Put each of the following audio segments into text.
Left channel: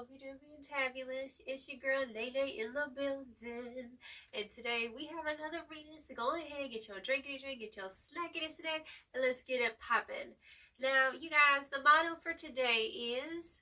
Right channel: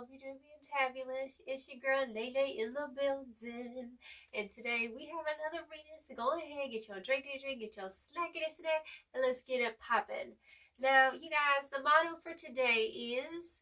hope you're doing fantabulous. It's your girl Lele in the building. And today we have another reading. So go ahead, get your drinkity drink, get your snackity snack, and let's get it popping. Now, you guys, the motto for today is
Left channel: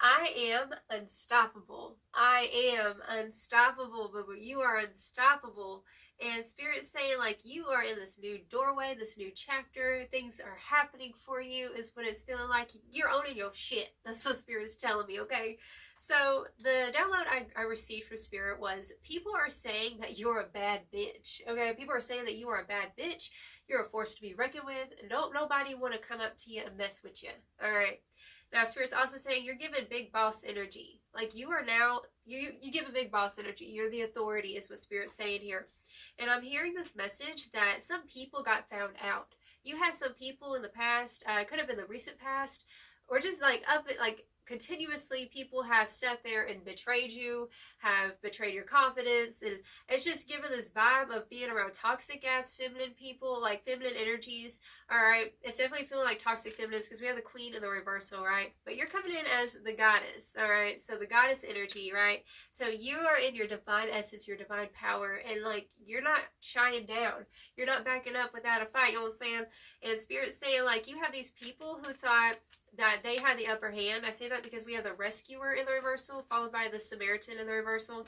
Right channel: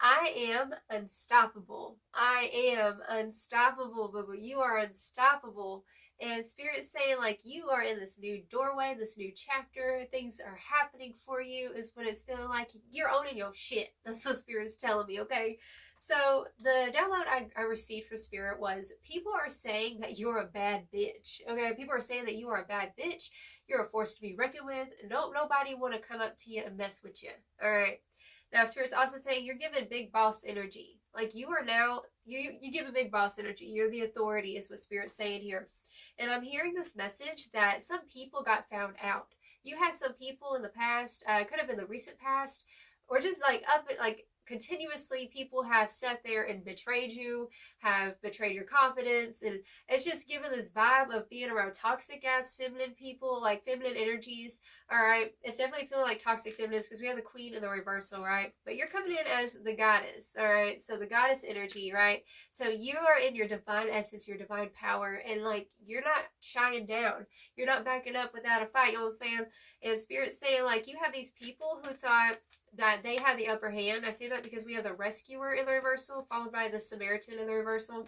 I am unstoppable. I am unstoppable, but you are unstoppable. And Spirit's saying, like, you are in this new doorway, this new chapter. Things are happening for you, is what it's feeling like. You're owning your shit. That's what Spirit's telling me, okay? So, the download I received from Spirit was people are saying that you're a bad bitch, okay? People are saying that you are a bad bitch. You're a force to be reckoned with. Don't nobody want to come up to you and mess with you, all right? Now, Spirit's also saying you're giving big boss energy. Like, you are now, you give a big boss energy. You're the authority, is what Spirit's saying here. And I'm hearing this message that some people got found out. You had some people in the past, could have been the recent past, or just like continuously people have sat there and betrayed you, have betrayed your confidence, and it's just given this vibe of being around toxic ass feminine people, like feminine energies. All right, it's definitely feeling like toxic feminines because we have the queen in the reversal, right? But you're coming in as the goddess, all right? So the goddess energy, right? So you are in your divine essence, your divine power, and like you're not shying down, you're not backing up without a fight. You know what I'm saying? And Spirit's saying like you have these people who thought that they had the upper hand. I say that because we have the rescuer in the reversal, followed by the Samaritan in the reversal.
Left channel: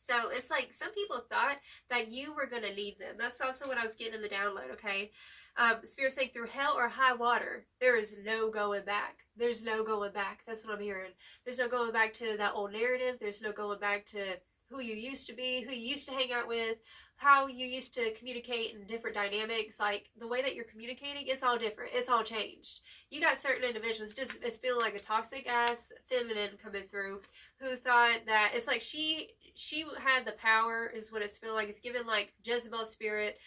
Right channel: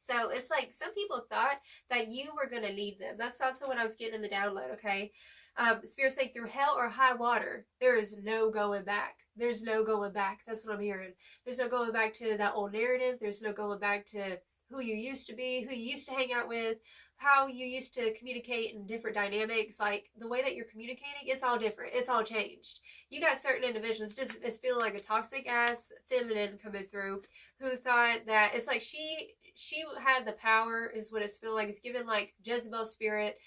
So it's like some people thought that you were going to lead them. That's also what I was getting in the download, okay? Spirit saying through hell or high water, there is no going back. There's no going back. That's what I'm hearing. There's no going back to that old narrative. There's no going back to who you used to be, who you used to hang out with, how you used to communicate in different dynamics. Like the way that you're communicating, it's all different. It's all changed. You got certain individuals, just it's feeling like a toxic ass feminine coming through who thought that it's like she had the power, is what it's feeling like. It's given like Jezebel spirit,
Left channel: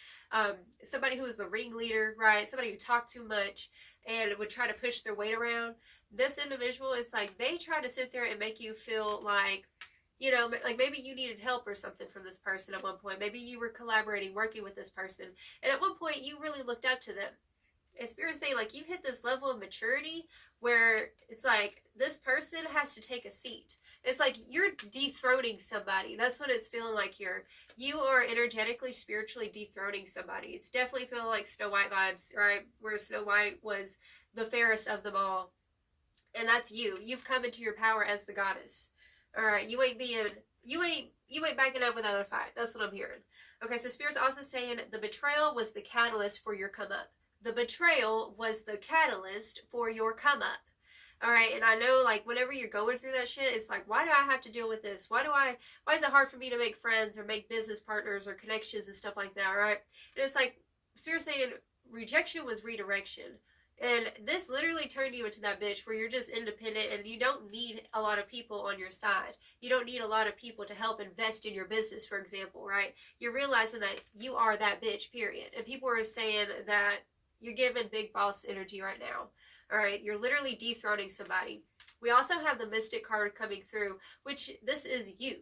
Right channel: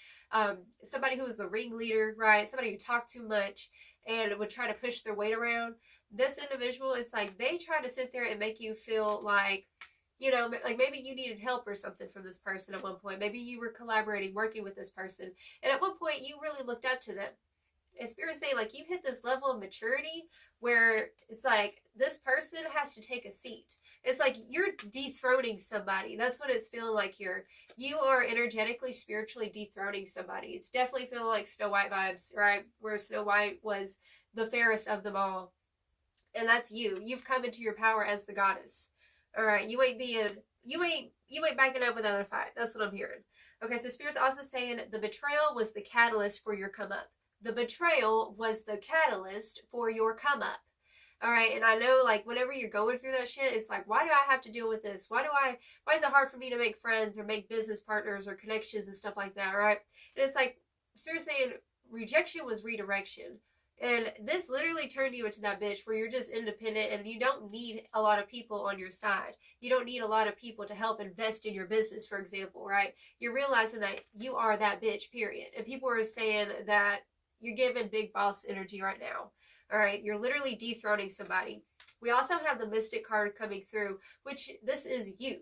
somebody who was the ringleader, right? Somebody who talked too much and would try to push their weight around. This individual, it's like they try to sit there and make you feel like, you know, like maybe you needed help or something from this person at one point. Maybe you were collaborating, working with this person. And at one point you really looked up to them. And Spirit's saying like you've hit this level of maturity where it's like this person has to take a seat. It's like you're dethroning somebody. That's what it's feeling like here. You are energetically, spiritually dethroning somebody. It's definitely feeling like Snow White vibes, right? Where Snow White was the fairest of them all. And that's you. You've come into your power as the goddess. All right, you ain't backing up with other fight. That's what I'm hearing. Okay, so Spirit's also saying the betrayal was the catalyst for your come up. The betrayal was the catalyst for your come up. All right, and I know like whenever you're going through that shit, it's like, why do I have to deal with this? Why is it hard for me to make friends or make business partners or connections and stuff like that, right? And it's like Spirit's saying rejection was redirection. And this literally turned you into that bitch where you're just independent and you don't need a lot of people on your side. You don't need a lot of people to help invest in your business, for example, right? You're realizing that you are that bitch, period. And people are saying that you're giving big boss energy right now. All right, you're literally dethroning somebody. We also have the Mystic card coming through, which this is you.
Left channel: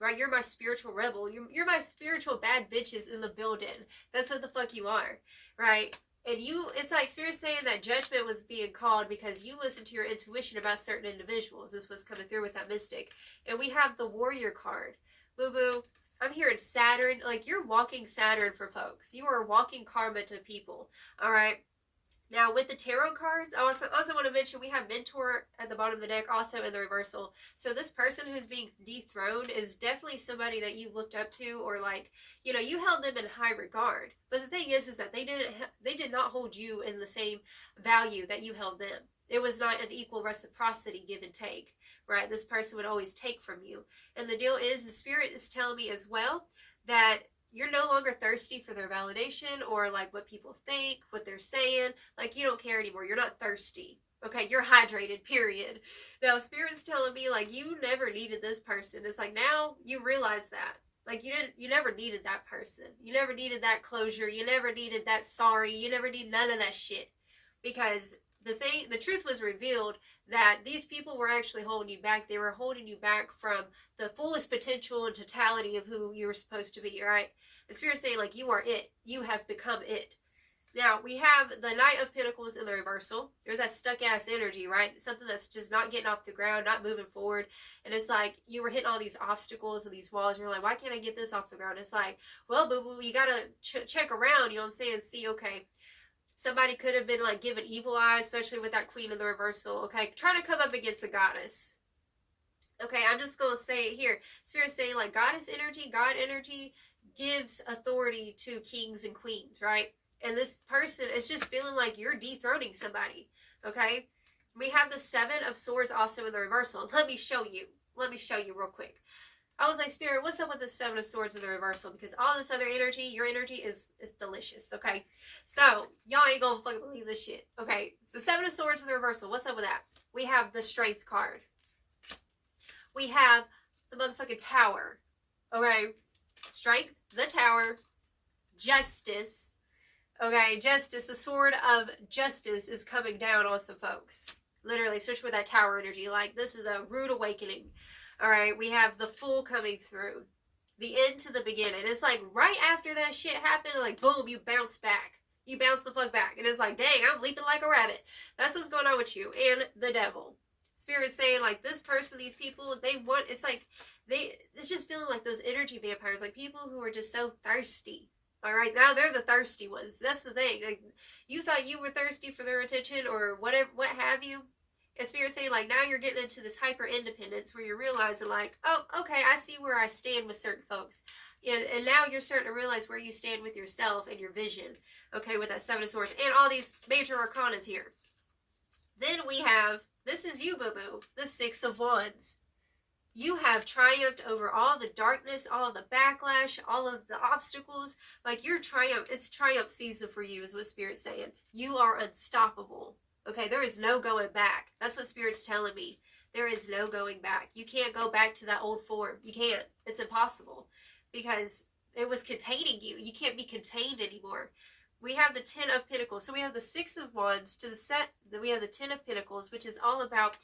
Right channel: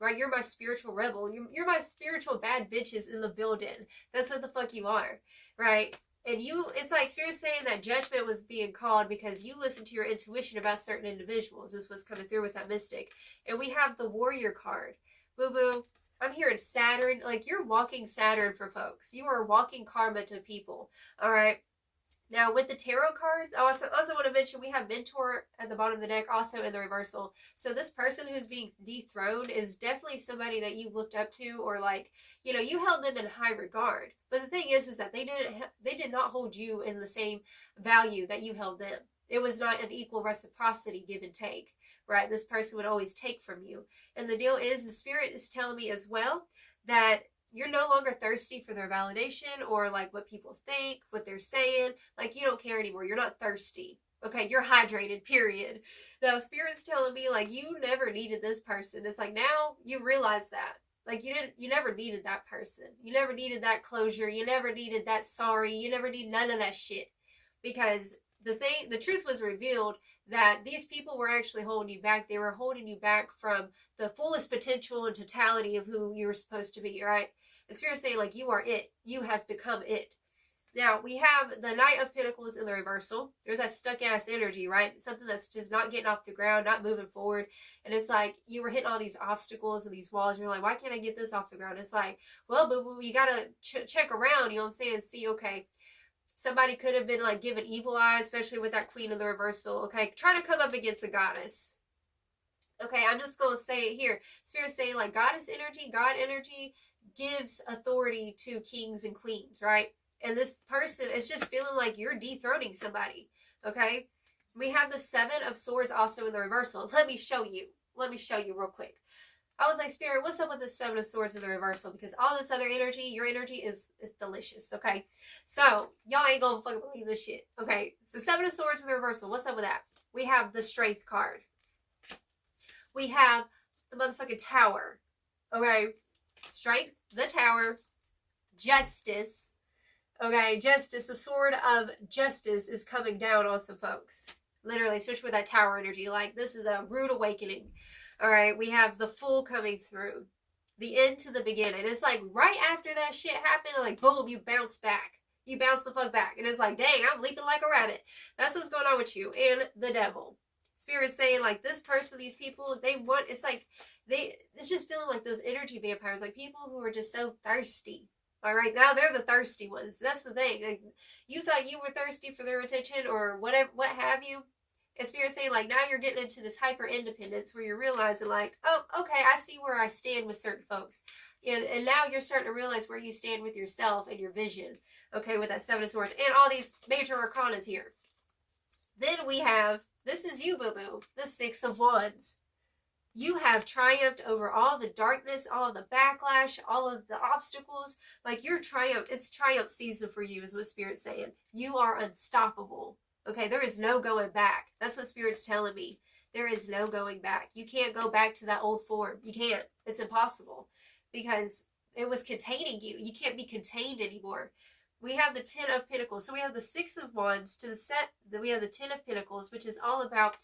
Right, you're my spiritual rebel. You're my spiritual bad bitches in the building. That's what the fuck you are, right? And it's like Spirit's saying that judgment was being called because you listened to your intuition about certain individuals. This was coming through with that Mystic. And we have the Warrior card. Boo boo. I'm hearing Saturn. Like you're walking Saturn for folks. You are walking karma to people. All right. Now, with the tarot cards, I also want to mention we have Mentor at the bottom of the deck, also in the reversal. So this person who's being dethroned is definitely somebody that you looked up to, or like, you know, you held them in high regard. But the thing is that they did not hold you in the same value that you held them. It was not an equal reciprocity, give and take, right? This person would always take from you. And the deal is, the Spirit is telling me as well that you're no longer thirsty for their validation or like what people think, what they're saying. Like you don't care anymore. You're not thirsty. Okay, you're hydrated, period. Now Spirit's telling me like you never needed this person. It's like now you realize that. Like you never needed that person. You never needed that closure. You never needed that sorry. You never need none of that shit. Because the truth was revealed that these people were actually holding you back. They were holding you back from the fullest potential and totality of who you were supposed to be, right? The Spirit's saying, like, you are it. You have become it. Now, we have the Knight of Pentacles in the reversal. There's that stuck-ass energy, right? Something that's just not getting off the ground, not moving forward. And it's like you were hitting all these obstacles and these walls. And you're like, why can't I get this off the ground? It's like, well, boo-boo, you got to check around, you know what I'm saying, and see, okay, somebody could have been like given evil eye, especially with that Queen in the reversal. Okay, trying to come up against a goddess. Okay, I'm just going to say it here. Spirit's saying like goddess energy, God energy gives authority to kings and queens, right? And this person is just feeling like you're dethroning somebody, okay? We have the Seven of Swords also in the reversal. Let me show you. Let me show you real quick. I was like, Spirit, what's up with the Seven of Swords in the reversal? Because all this other energy, your energy is delicious, okay? So, y'all ain't gonna fucking believe this shit, okay? So, Seven of Swords in the reversal. What's up with that? We have the Strength card. We have the motherfucking Tower, okay? Strength, the Tower, Justice. Okay, justice, the sword of justice is coming down on some folks. Literally, especially with that Tower energy. Like, this is a rude awakening. All right, we have the Fool coming through. The end to the beginning. It's like right after that shit happened, like, boom, you bounce back. You bounce the fuck back. And it's like, dang, I'm leaping like a rabbit. That's what's going on with you. And the Devil. Spirit's saying, like, this person, these people, they want, it's like, it's just feeling like those energy vampires. Like, people who are just so thirsty. All right, now they're the thirsty ones. That's the thing. Like, you thought you were thirsty for their attention or whatever, what have you. And Spirit's saying, like, now you're getting into this hyper independence where you're realizing, like, oh, okay, I see where I stand with certain folks. And now you're starting to realize where you stand with yourself and your vision. Okay, with that Seven of Swords and all these major arcanas here. Then we have, this is you, boo-boo, the Six of Wands. You have triumphed over all the darkness, all the backlash, all of the obstacles. Like, you're it's triumph season for you is what Spirit's saying. You are unstoppable. Okay, there is no going back. That's what Spirit's telling me. There is no going back. You can't go back to that old form. You can't. It's impossible because it was containing you. You can't be contained anymore. We have the Ten of Pentacles. So we have the Six of Wands to the set. We have the Ten of Pentacles, which is all about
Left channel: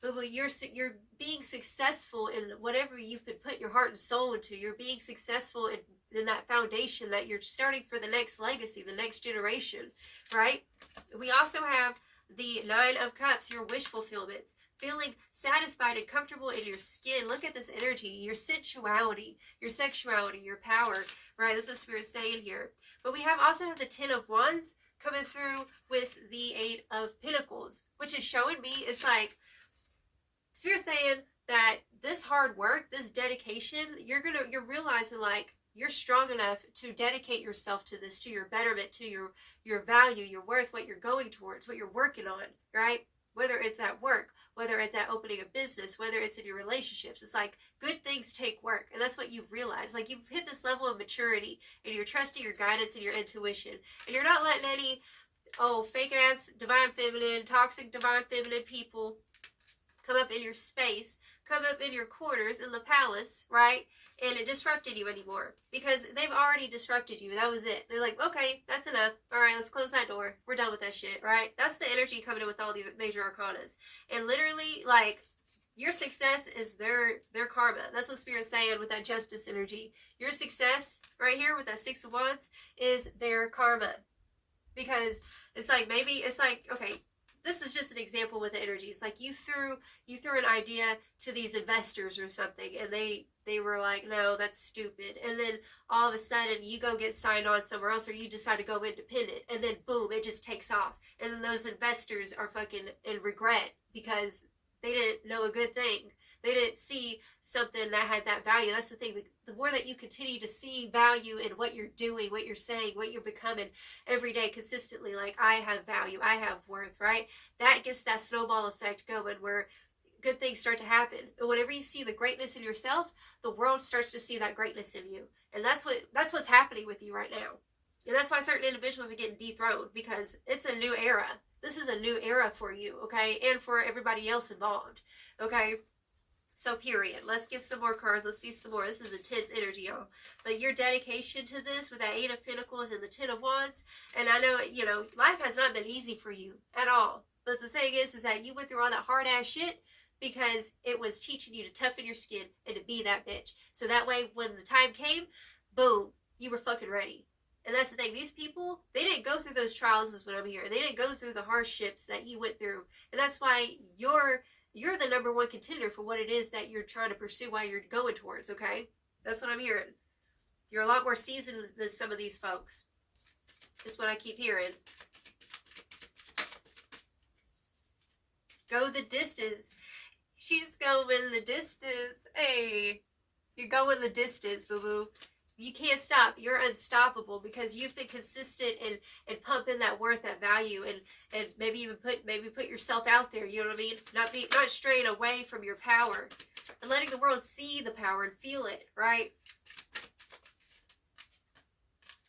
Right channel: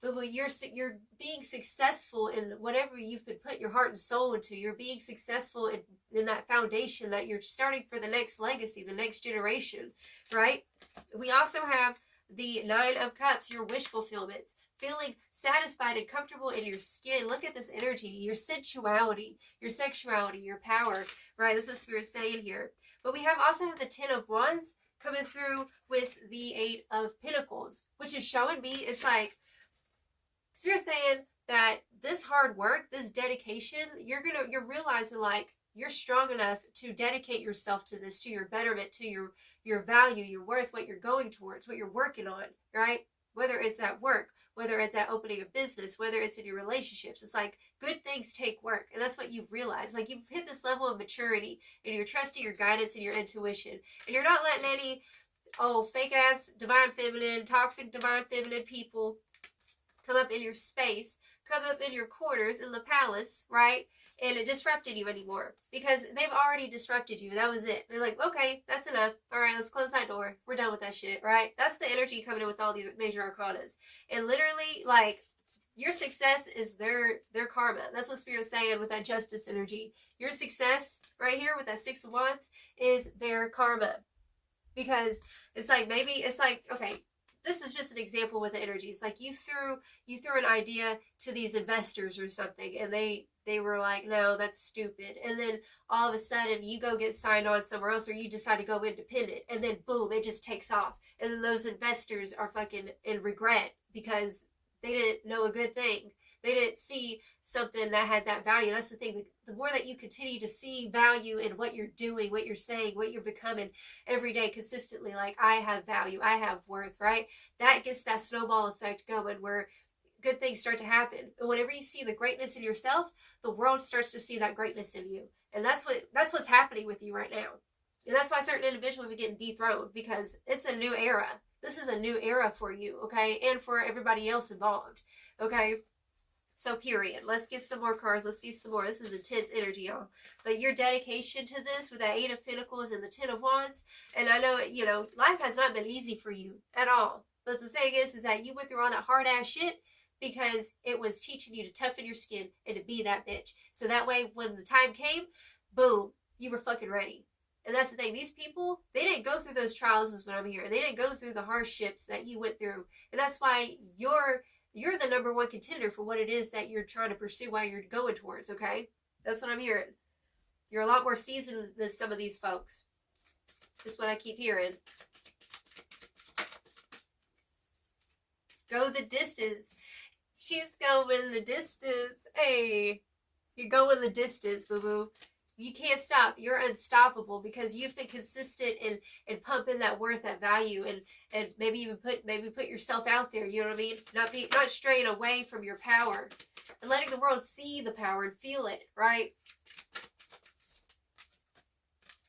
you're being successful in whatever you've been putting your heart and soul into. You're being successful in that foundation that you're starting for the next legacy, the next generation, right? We also have the Nine of Cups, your wish fulfillments, feeling satisfied and comfortable in your skin. Look at this energy, your sensuality, your sexuality, your power, right? That's what Spirit's saying here. But we also have the Ten of Wands coming through with the Eight of Pentacles, which is showing me, it's like, Spirit's saying that this hard work, this dedication, you're realizing like you're strong enough to dedicate yourself to this, to your betterment, to your value, your worth, what you're going towards, what you're working on, right? Whether it's at work, whether it's at opening a business, whether it's in your relationships, it's like good things take work. And that's what you've realized. Like, you've hit this level of maturity and you're trusting your guidance and your intuition. And you're not letting any, fake ass divine feminine, toxic divine feminine people come up in your space, come up in your quarters in the palace, right? And it disrupted you anymore because they've already disrupted you. That was it. They're like, okay, that's enough. All right, let's close that door. We're done with that shit, right? That's the energy coming in with all these major arcanas. And literally, like, your success is their karma. That's what Spirit's saying with that justice energy. Your success right here with that Six of Wands is their karma. Because it's like, maybe it's like, okay, this is just an example with the energy. It's like you threw an idea to these investors or something, and they were like, no, that's stupid. And then all of a sudden you go get signed on somewhere else, or you decide to go independent, and then boom, it just takes off. And then those investors are fucking in regret because they didn't know a good thing. They didn't see something that had that value. That's the thing. The more that you continue to see value in what you're doing, what you're saying, what you're becoming every day consistently, like, I have value, I have worth, right? That gets that snowball effect going where good things start to happen. And whenever you see the greatness in yourself, the world starts to see that greatness in you. And that's what's happening with you right now. And that's why certain individuals are getting dethroned, because it's a new era. This is a new era for you, okay? And for everybody else involved, okay? So period. Let's get some more cards. Let's see some more. This is intense energy, y'all. But your dedication to this with that Eight of Pentacles and the Ten of Wands. And I know, life has not been easy for you at all. But the thing is that you went through all that hard ass shit because it was teaching you to toughen your skin and to be that bitch. So that way, when the time came, boom, you were fucking ready. And that's the thing. These people, they didn't go through those trials is what I'm hearing. They didn't go through the hardships that you went through. And that's why you're the number one contender for what it is that you're trying to pursue, while you're going towards, okay? That's what I'm hearing. You're a lot more seasoned than some of these folks. That's what I keep hearing. Go the distance. She's going the distance. Hey, you're going the distance, boo-boo. You can't stop. You're unstoppable because you've been consistent in pumping that worth, that value, and maybe even put yourself out there. You know what I mean? Not straying away from your power, and letting the world see the power and feel it. Right?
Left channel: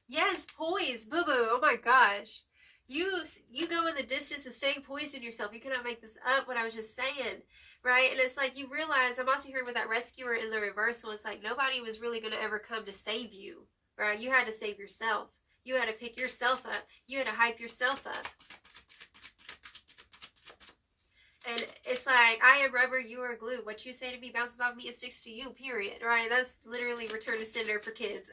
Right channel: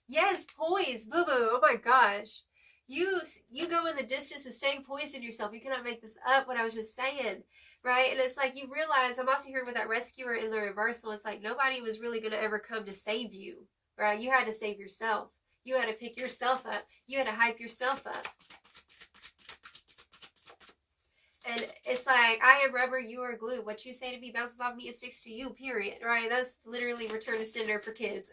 Yes, poise, boo boo. Oh my gosh, you go in the distance of staying poised in yourself. You cannot make this up. What I was just saying. Right? And it's like you realize, I'm also hearing with that rescuer in the reversal, it's like nobody was really going to ever come to save you, right? You had to save yourself. You had to pick yourself up. You had to hype yourself up. And it's like, I am rubber, you are glue. What you say to me bounces off me, it sticks to you, period, right? That's literally Return to Sender for kids.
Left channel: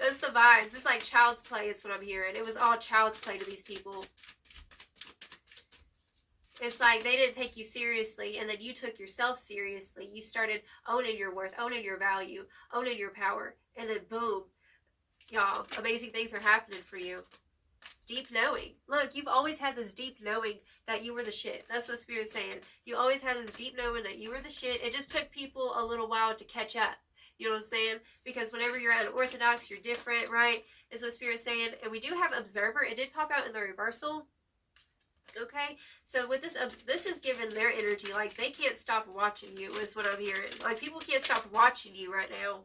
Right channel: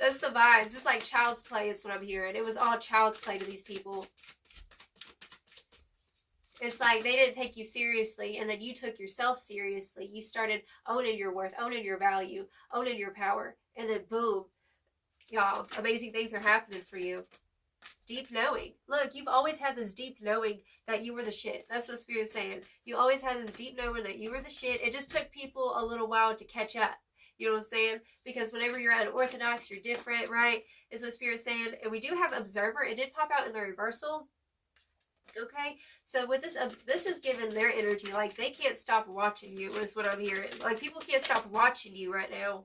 That's the vibes. It's like child's play is what I'm hearing. It was all child's play to these people. It's like they didn't take you seriously, and then you took yourself seriously. You started owning your worth, owning your value, owning your power, and then boom, y'all, amazing things are happening for you. Deep knowing. Look, you've always had this deep knowing that you were the shit. That's what Spirit's saying. You always had this deep knowing that you were the shit. It just took people a little while to catch up. You know what I'm saying? Because whenever you're unorthodox, you're different, right? Is what Spirit's saying. And we do have Observer. It did pop out in the reversal. Okay, so with this is giving their energy, like they can't stop watching you is what I'm hearing. Like people can't stop watching you right now.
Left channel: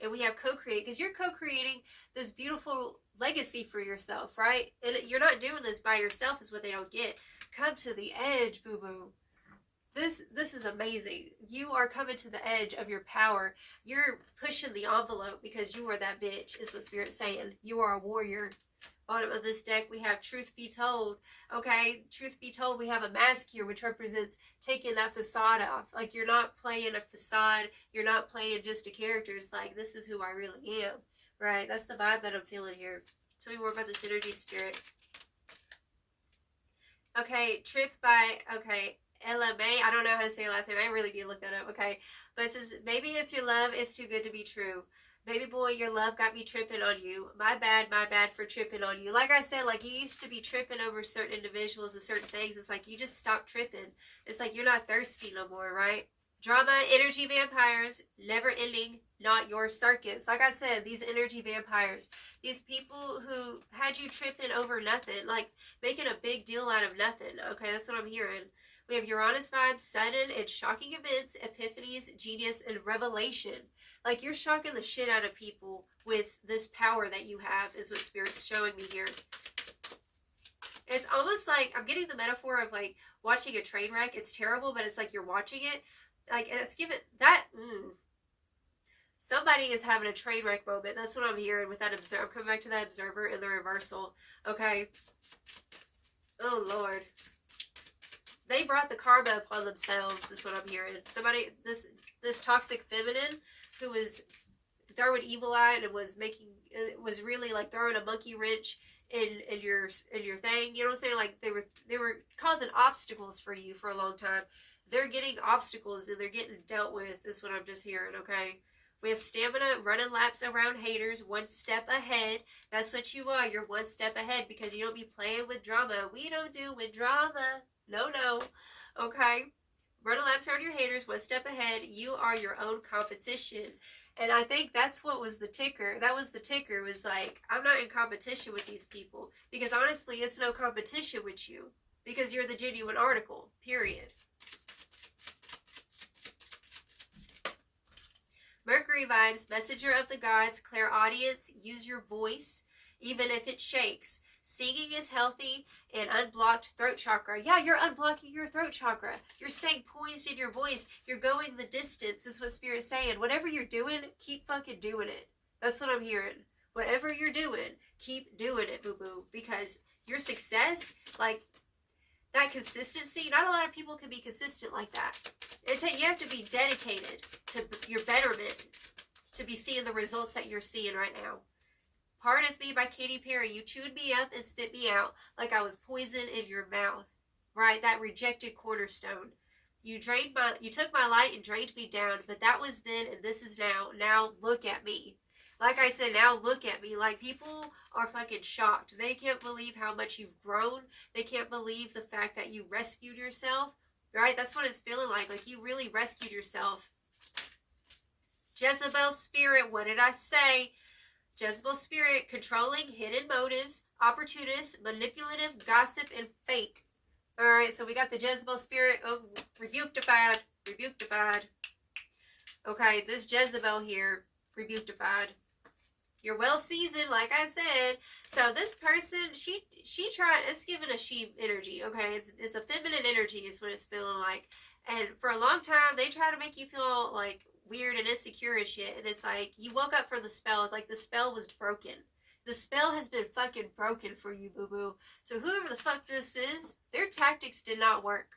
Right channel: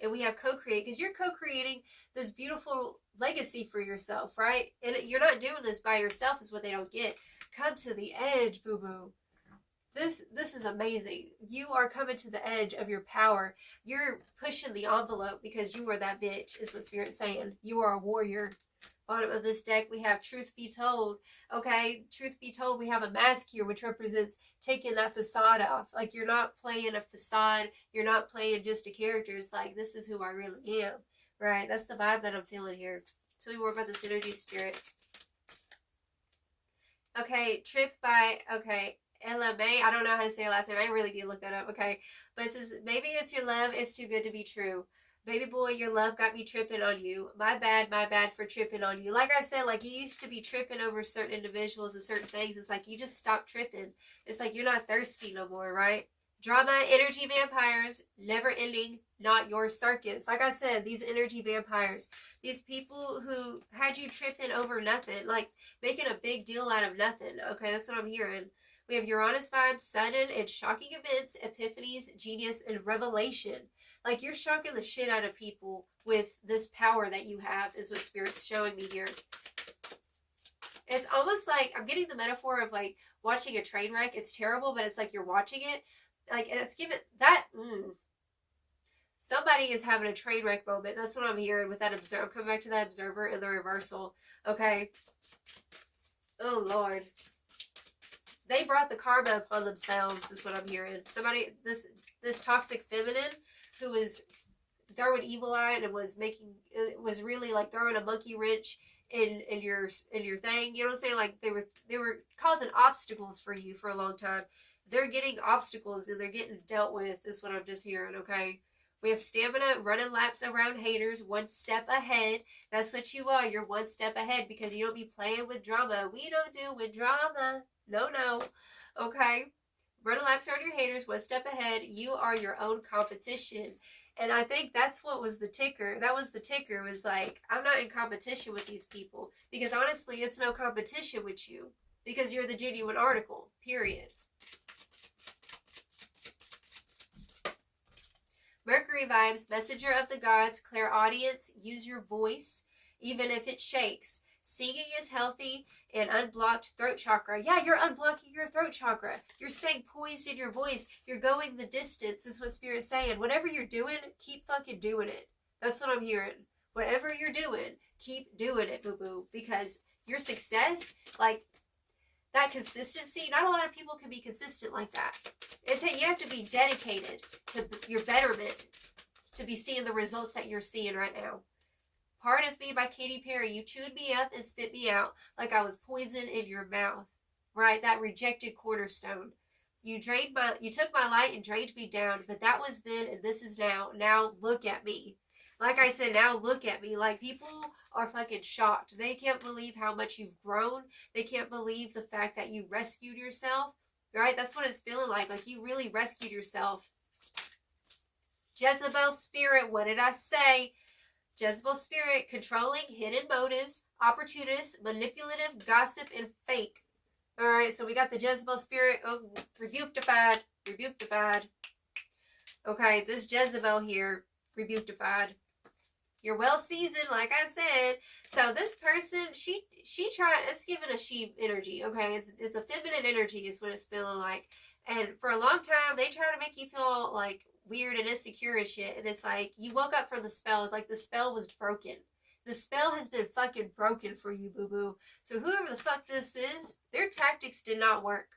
And we have co-create, because you're co-creating this beautiful legacy for yourself, right? And you're not doing this by yourself is what they don't get. Come to the edge, boo-boo. This is amazing. You are coming to the edge of your power. You're pushing the envelope because you are that bitch, is what Spirit's saying. You are a warrior. Bottom of this deck, we have Truth Be Told. Okay, Truth Be Told, we have a mask here, which represents taking that facade off. Like, you're not playing a facade. You're not playing just a character. It's like, this is who I really am. Right? That's the vibe that I'm feeling here. Tell me more about this energy, Spirit. Okay, Trip by, okay, LMA. I don't know how to say your last name. I really need to look that up. Okay, but it says, maybe it's your love. It's too good to be true. Baby boy, your love got me tripping on you. My bad for tripping on you. Like I said, like you used to be tripping over certain individuals and certain things. It's like you just stopped tripping. It's like you're not thirsty no more, right? Drama, energy vampires, never ending, not your circus. Like I said, these energy vampires, these people who had you tripping over nothing, like making a big deal out of nothing. Okay, that's what I'm hearing. We have Uranus vibes, sudden and shocking events, epiphanies, genius, and revelation. Like, you're shocking the shit out of people with this power that you have, is what Spirit's showing me here. It's almost like, I'm getting the metaphor of, like, watching a train wreck. It's terrible, but it's like you're watching it. Like, it's given, that, Somebody is having a train wreck moment. That's what I'm hearing with that observer. I'm coming back to that Observer in the reversal. Okay. Oh, Lord. They brought the karma upon themselves, is what I'm hearing. Somebody, this toxic feminine, who was throwing evil eye and was really like throwing a monkey wrench in your thing. You know what I'm saying? Like they were causing obstacles for you for a long time. They're getting obstacles and they're getting dealt with, is what I'm just hearing. Okay. We have stamina, running laps around haters, one step ahead. That's what you are. You're one step ahead because you don't be playing with drama. We don't do with drama. No. Okay. Running laps around your haters, one step ahead. You are your own competition. And I think that's what was the ticker. That was the ticker, was like, I'm not in competition with these people. Because honestly, it's no competition with you. Because you're the genuine article, period. Mercury vibes, messenger of the gods, clairaudience, use your voice, even if it shakes. Singing is healthy and unblocked throat chakra. Yeah, you're unblocking your throat chakra. You're staying poised in your voice. You're going the distance, is what Spirit's saying. Whatever you're doing, keep fucking doing it. That's what I'm hearing. Whatever you're doing, keep doing it, boo-boo. Because your success, like, that consistency, not a lot of people can be consistent like that. You have to be dedicated to your betterment to be seeing the results that you're seeing right now. Part of Me by Katy Perry. You chewed me up and spit me out like I was poison in your mouth. Right? That rejected cornerstone. You took my light and drained me down, but that was then and this is now. Now look at me. Like I said, now look at me. Like, people are fucking shocked. They can't believe how much you've grown. They can't believe the fact that you rescued yourself. Right? That's what it's feeling like. Like, you really rescued yourself. Jezebel spirit, what did I say? Jezebel spirit, controlling, hidden motives, opportunist, manipulative, gossip, and fake. Alright, so we got the Jezebel spirit. Oh, rebuked-ified. Rebuked-ified. Okay, this Jezebel here, rebuked-ified. You're well seasoned, like I said. So this person, she tried, it's giving a she energy, okay? It's a feminine energy is what it's feeling like. And for a long time, they try to make you feel like weird and insecure and shit. And it's like, you woke up from the spell. It's like the spell was broken. The spell has been fucking broken for you, boo-boo. So whoever the fuck this is, their tactics did not work.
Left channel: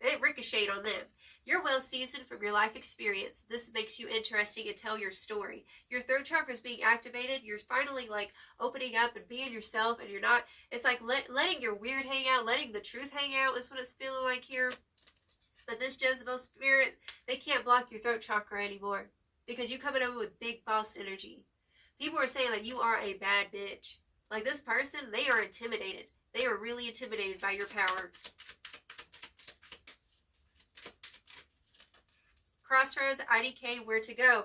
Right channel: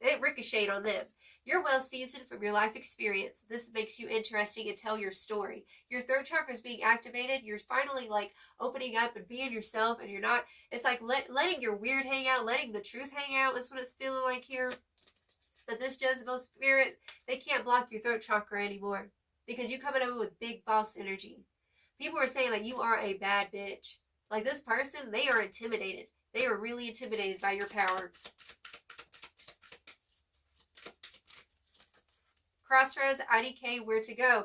It ricocheted on them. You're well seasoned from your life experience. This makes you interesting and tell your story. Your throat chakra is being activated. You're finally like opening up and being yourself, and you're not. It's like letting your weird hang out, letting the truth hang out is what it's feeling like here. But this Jezebel spirit, they can't block your throat chakra anymore because you coming over with big boss energy. People are saying like you are a bad bitch. Like this person, they are intimidated. They are really intimidated by your power. Crossroads, IDK, where to go.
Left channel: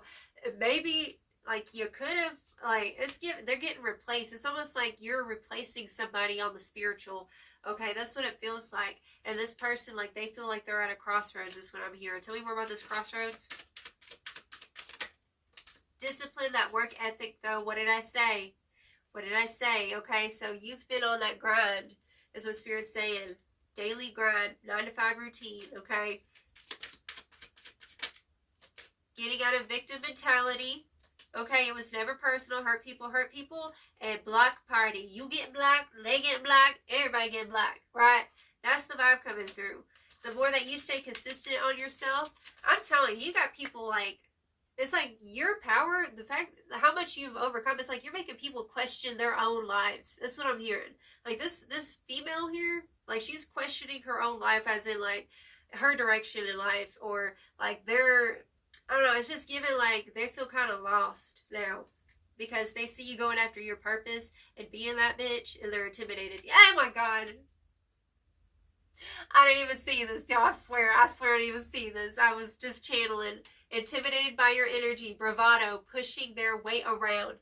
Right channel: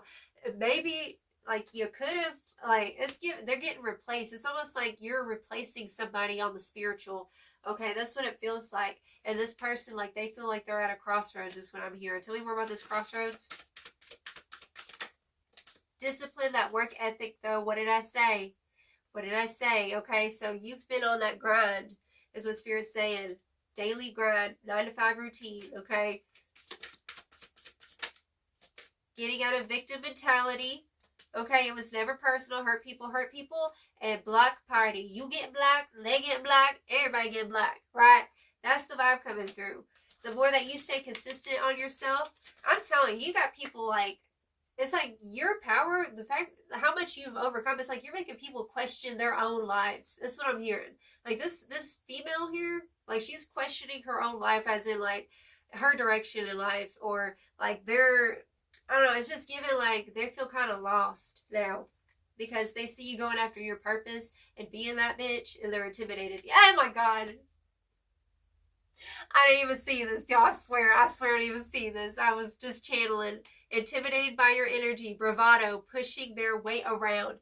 Maybe like you could have like they're getting replaced. It's almost like you're replacing somebody on the spiritual. Okay, that's what it feels like. And this person, like, they feel like they're at a crossroads is what I'm hearing. Tell me more about this crossroads. Discipline, that work ethic, though. What did I say? What did I say? Okay, so you've been on that grind, is what Spirit's saying. Daily grind, 9 to 5 routine, okay? Getting out of victim mentality. Okay, it was never personal. Hurt people, and block party. You get black, they get black, everybody get black, right? That's the vibe coming through. The more that you stay consistent on yourself, I'm telling you, you got people like, it's like your power, the fact, how much you've overcome, it's like you're making people question their own lives. That's what I'm hearing. Like this female here, like she's questioning her own life as in like her direction in life, or like I don't know, it's just giving like they feel kind of lost now because they see you going after your purpose and being that bitch and they're intimidated. Oh my God. I didn't even see this, y'all. I swear I didn't even see this. I was just channeling. Intimidated by your energy, bravado, pushing their weight around.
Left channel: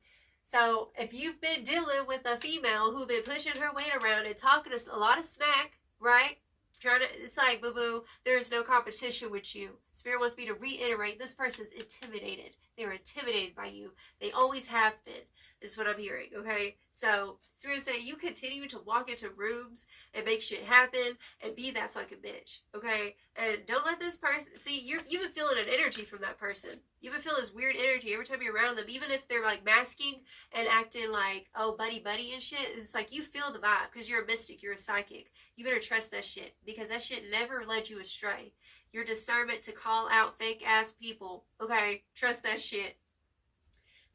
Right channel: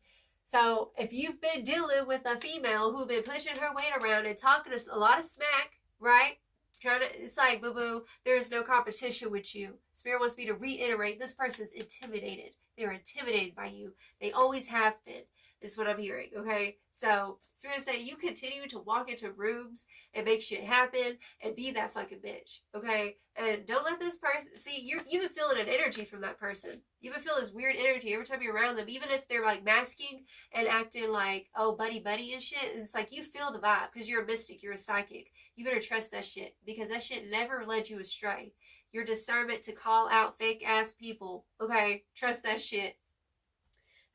So if you've been dealing with a female who's been pushing her weight around and talking a lot of smack, right? It's like, boo-boo, there is no competition with you. Spirit wants me to reiterate, this person's intimidated. They're intimidated by you. They always have been, is what I'm hearing, okay? So, Spirit's saying you continue to walk into rooms and make shit happen and be that fucking bitch, okay? And don't let this person, see, you've been feeling an energy from that person. You've been feeling this weird energy every time you're around them, even if they're like masking and acting like, oh, buddy and shit. It's like you feel the vibe because you're a mystic, you're a psychic. You better trust that shit because that shit never led you astray. Your discernment to call out fake ass people, okay? Trust that shit.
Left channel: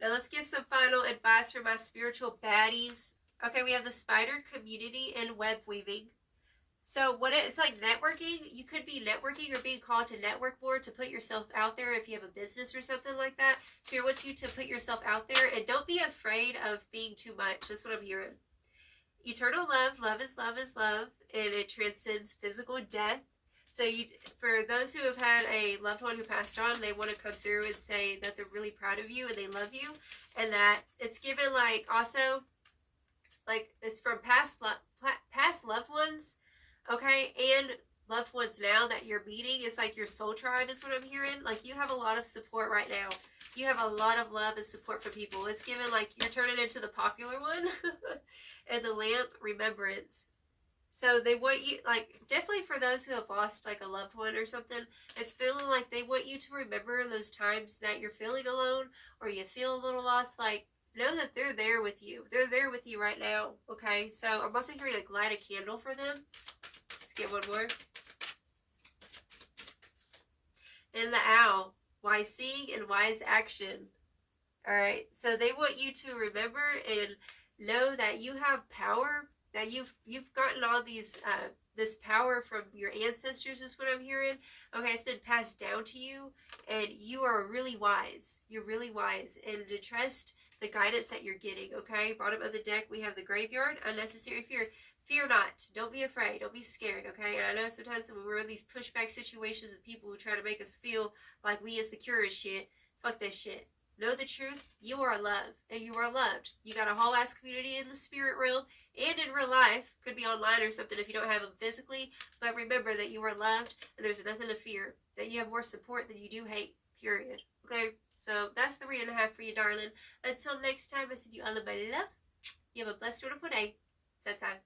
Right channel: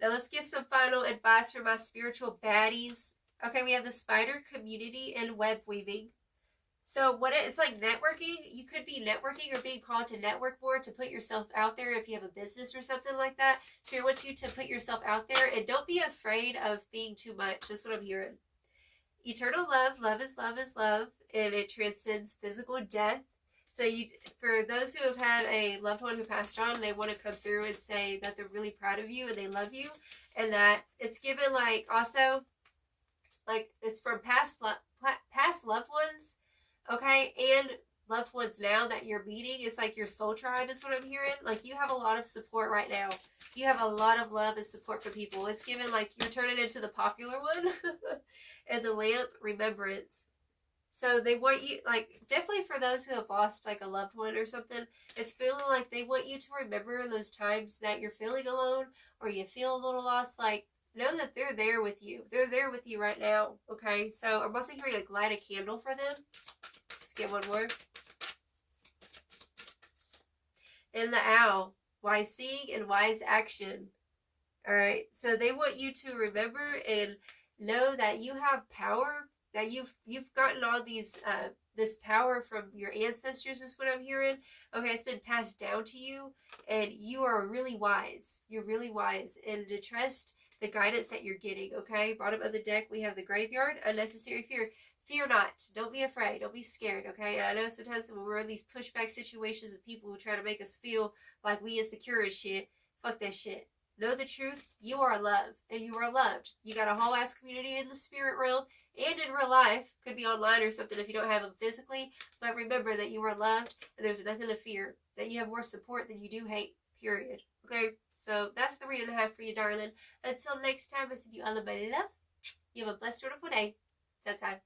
Now let's get some final advice for my spiritual baddies. Okay, we have the spider community and web weaving. So it's like networking. You could be networking or being called to network more to put yourself out there if you have a business or something like that. Spirit wants you to put yourself out there and don't be afraid of being too much. That's what I'm hearing. Eternal love. Love is love is love. And it transcends physical death. So for those who have had a loved one who passed on, they want to come through and say that they're really proud of you and they love you. And it's given like also, like it's from past loved ones, okay, and loved ones now that you're meeting. It's like your soul tribe is what I'm hearing. Like you have a lot of support right now. You have a lot of love and support for people. It's given like you're turning into the popular one. And the lamp, remembrance. So they want you, like, definitely for those who have lost, like, a loved one or something, it's feeling like they want you to remember those times that you're feeling alone or you feel a little lost. Like, know that they're there with you. They're there with you right now, okay? So I'm also hearing, like, light a candle for them. Let's get one more. And the owl. Wise seeing and wise action. All right. So they want you to remember and know that you have power. That you've gotten all these this power from your ancestors is what I'm hearing. Okay, it's been passed down to you, and you are really wise. You're really wise, and to trust the guidance that you're getting. Okay, bottom of the deck we have the graveyard, unnecessary fear. Fear not. Don't be afraid. Don't be scared. Okay, and I know sometimes when we're in these pushback situations with people who try to make us feel like we insecure as shit. Fuck that shit. Know the truth. You are loved, and you are loved. You got a whole ass community in the spirit realm and in real life. Could be online or something if you don't have them physically. But remember that you are loved, and there's nothing to fear. That you have more support than you do hate. Period. Okay? So that's the reading I have for you, darling. Until next time, I send you all of my love. You have a blessed, wonderful day. Ta-ta.